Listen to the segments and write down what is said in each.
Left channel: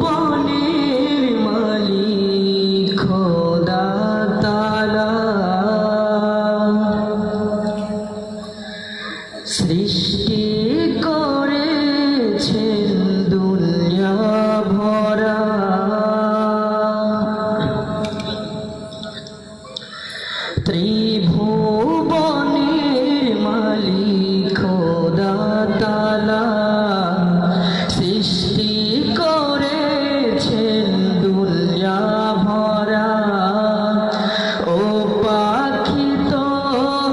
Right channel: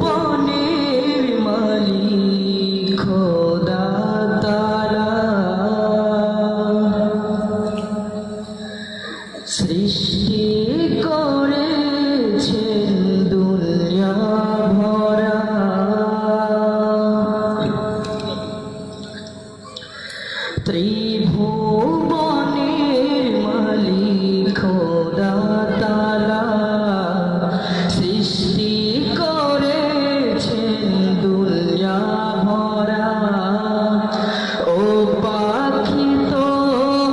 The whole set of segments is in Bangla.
ত্রিভুবনের মালিক খোদা তাআলা সৃষ্টি করেছেন দুনিয়া ভরা ত্রিভুবনের মালিক খোদা তাআলা সৃষ্টি করেছেন দুনিয়া ভরা ও পাখি তো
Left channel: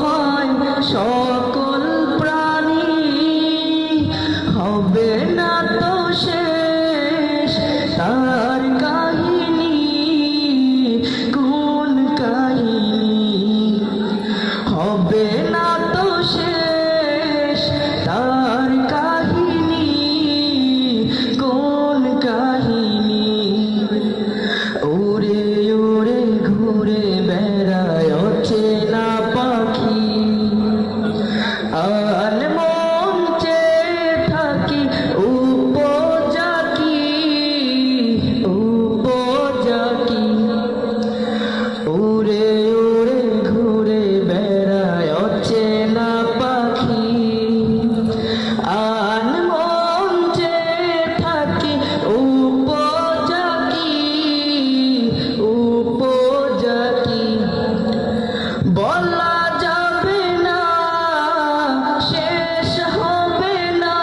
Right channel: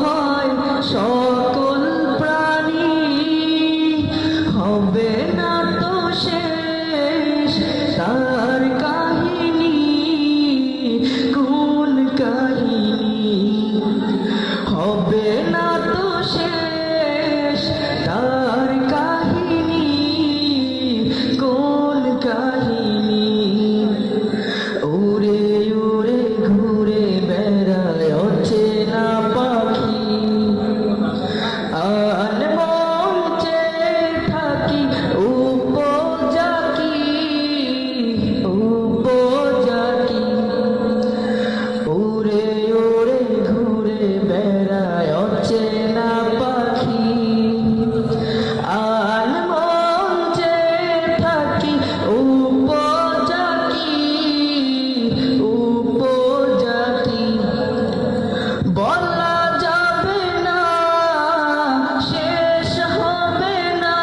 হয় সকল প্রাণী হবে না তো শেষ তার কাহিনী কোন কাহিনী হবে না তো শেষ তার কাহিনী কোন কাহিনী উড়ে উড়ে ঘুরে বেড়ায় অচেনা পাখি আর মঞ্চে থাকি উপজাকি উড়ে উড়ে ঘুরে বেড়ায় অচেনা পাখি আর মঞ্চে থাকি উপজাকি বলা যাবে না শেষ হবে না